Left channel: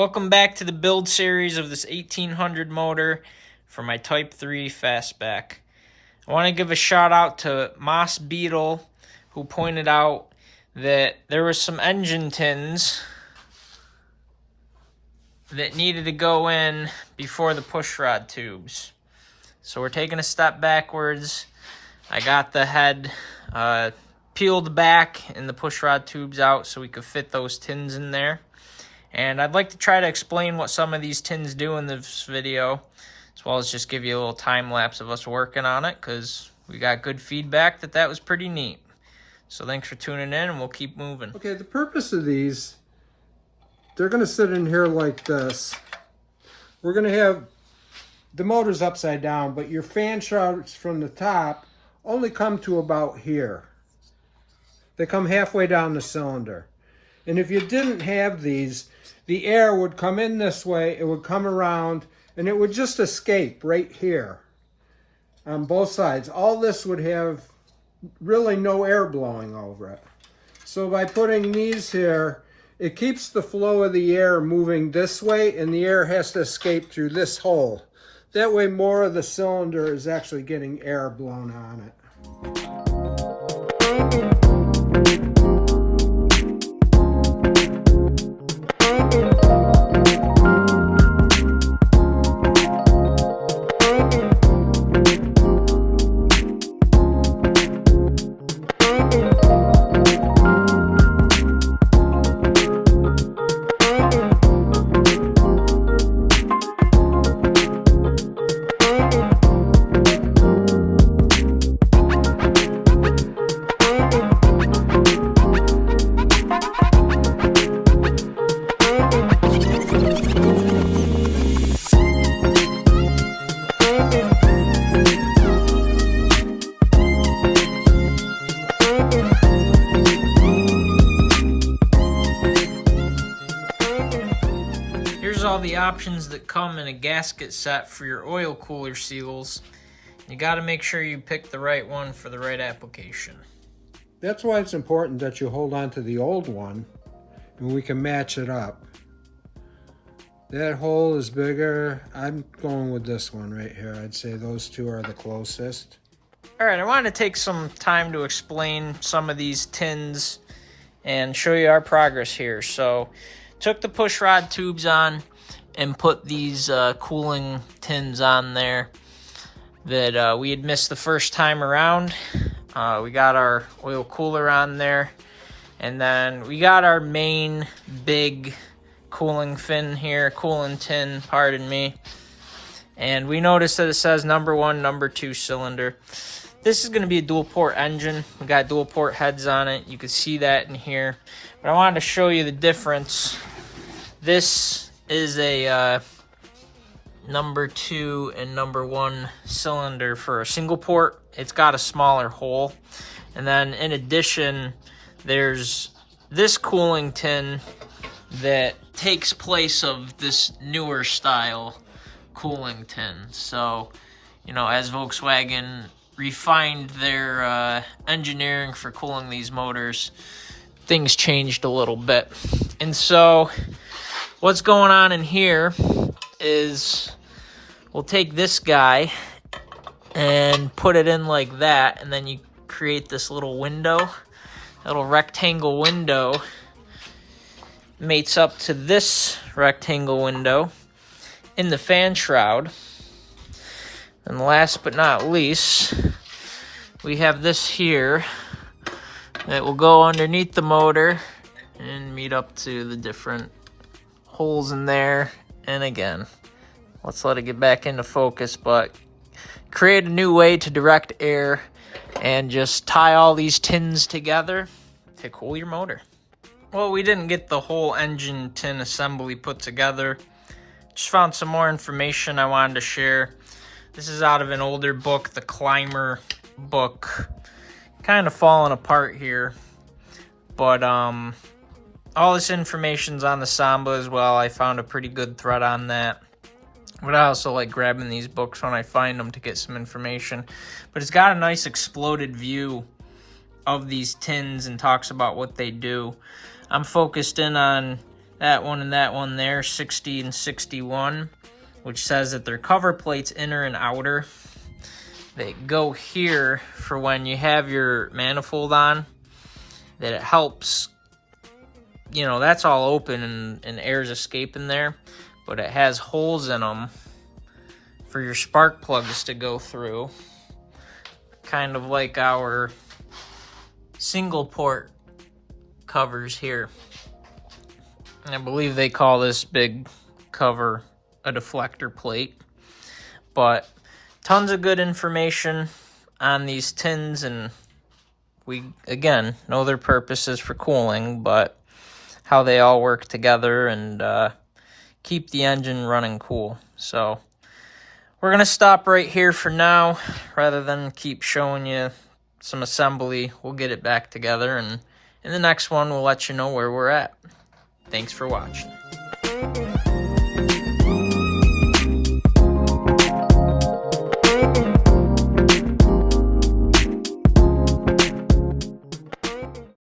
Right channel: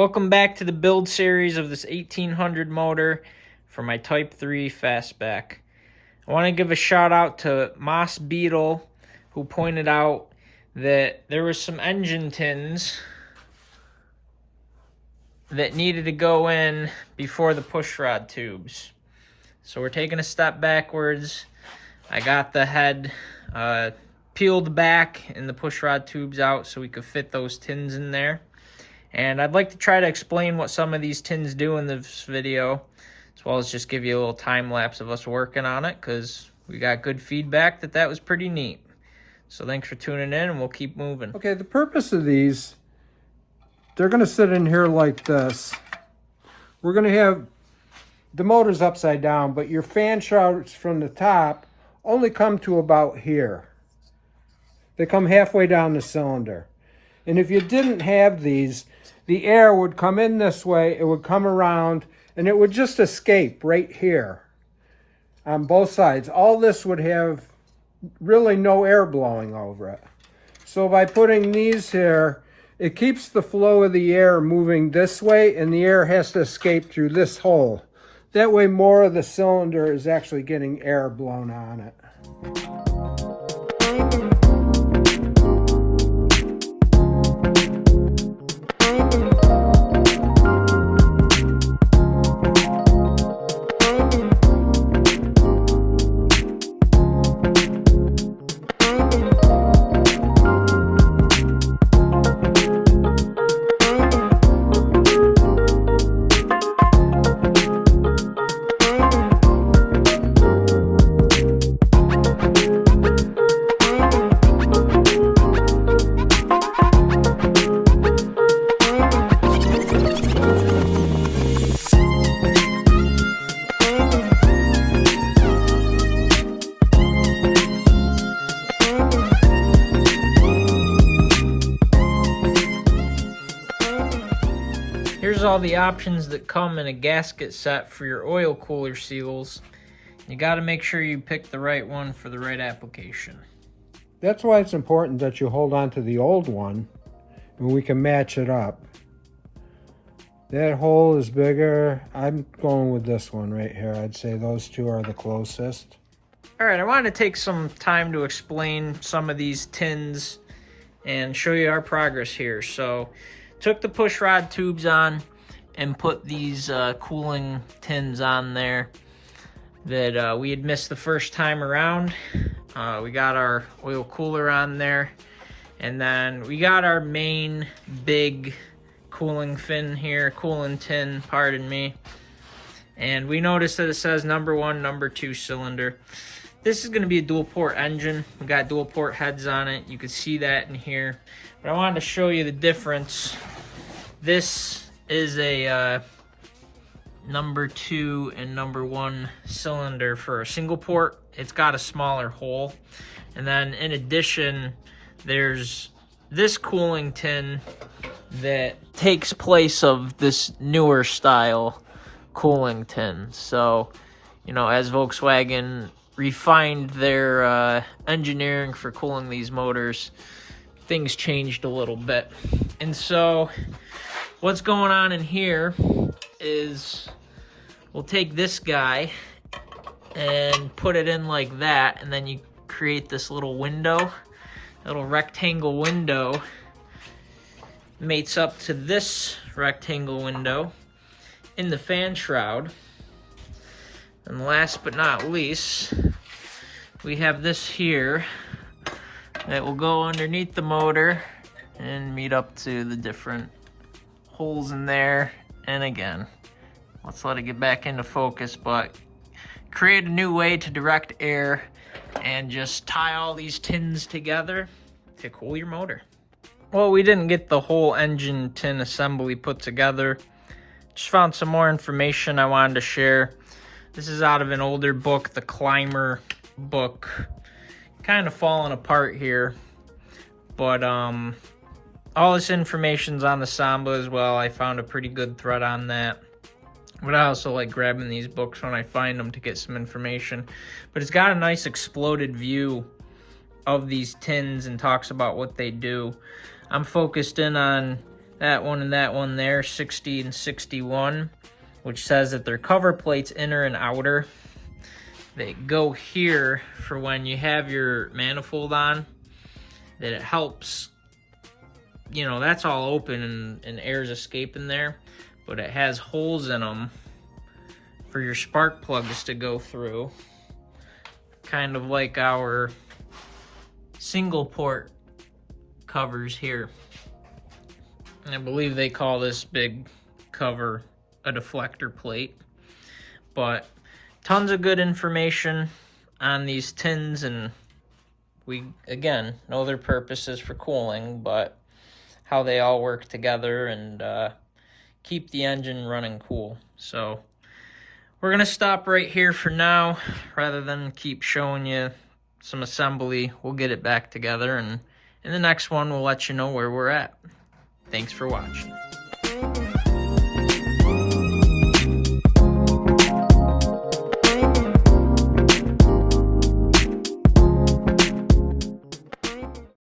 Welcome back to the build series of this 1800 motor for my Type 3 fastback. I want to give a shout out to Moss Beetle, who pointed out that there was some engine tins that needed to go in before the pushrod tubes. So we're taking a step backwards. I got the head peeled back and the pushrod tubes out so we could fit those tins in there. And I'd like to try to explain what some of these tins do in this video, as well as just give you a little time lapse of us working on it, because we got good feedback that was pretty neat. So thanks for tuning in, and we'll keep moving. Okay, the purpose of these, they're going to sit in here like this. We're going to have the motors upside down, but your fan shafts from the top only come to about here. They come halfway down the cylinder. And if you didn't have these, the air would come in this way, it would come around, and it would just escape right here on both sides. All this would have really no air blowing over it. So by putting these here, it keeps the flow of the air moving this way, and the air has to escape through this hole. That way more of the cylinder is actually getting air blown on it. Here's all the options that come in a gasket set for your oil cooler seals. You got to make sure you pick the right one for the right application. That's why it's important that you hold on to the old one and we can match it up. That hole is bigger. I'm going with this one right here. I'd say those two are the closest. Alright, I wanted to take some time to explain some of these tins and show you our progress here. So, took the pushrod tubes on and put these cooling tins on there that we had missed the first time around. We got our oil cooler on there, and then we got our main big cooling fin here, cooling tin, pardon me. And we noticed that it says number 1, number 2 cylinder. This is going to be a dual port engine. We got dual port heads on it. You can see that in here. But I wanted to show you the difference. This is a number 2 and number 1 cylinder for a single port. It's got a smaller hole. And then in addition, there's this cooling tin that takes place of this newer style cooling tin. So, you know, as Volkswagen refined their engineering for cooling these motors, things changed a little bit. And so what's going on in here is we'll take this guy and put it in like that, and then you create this little window, little rectangle window mates up to this rectangle window in the fan shroud. And last but not least, we have this here that will go underneath the motor and meet up to the different holes in there. And again, let's let it get back into focus, but create a new way to direct air and just tie all these tins together to cool your motor. Well, we didn't get the whole engine tin assembly put together. Just found some more information I wanted to share. This is out of an older book, the Climber book. Kind of falling apart here, but all this information's on the Samba as well. I found a pretty good thread on that. But I also like grabbing these books when I find them to get some information. But it's got a nice exploded view of these tins and talks about what they do. I'm focused in on that one and that one there, 60 and 61, which says that their cover plates, inner and outer, they go here for when you have your manifold on, that it helps, you know, that's all open and air's escaping there, but it has holes in them for your spark plugs to go through, kind of like our single port covers here. I believe they call this big cover a deflector plate. But tons of good information on these tins, and we, again, know their purposes for cooling, but how they all work together and keep the engine running cool. So we're gonna stop right here for now, rather than keep showing you some assembly. We'll get it back together, and in the next one we'll let you know where we're at. Thanks for watching.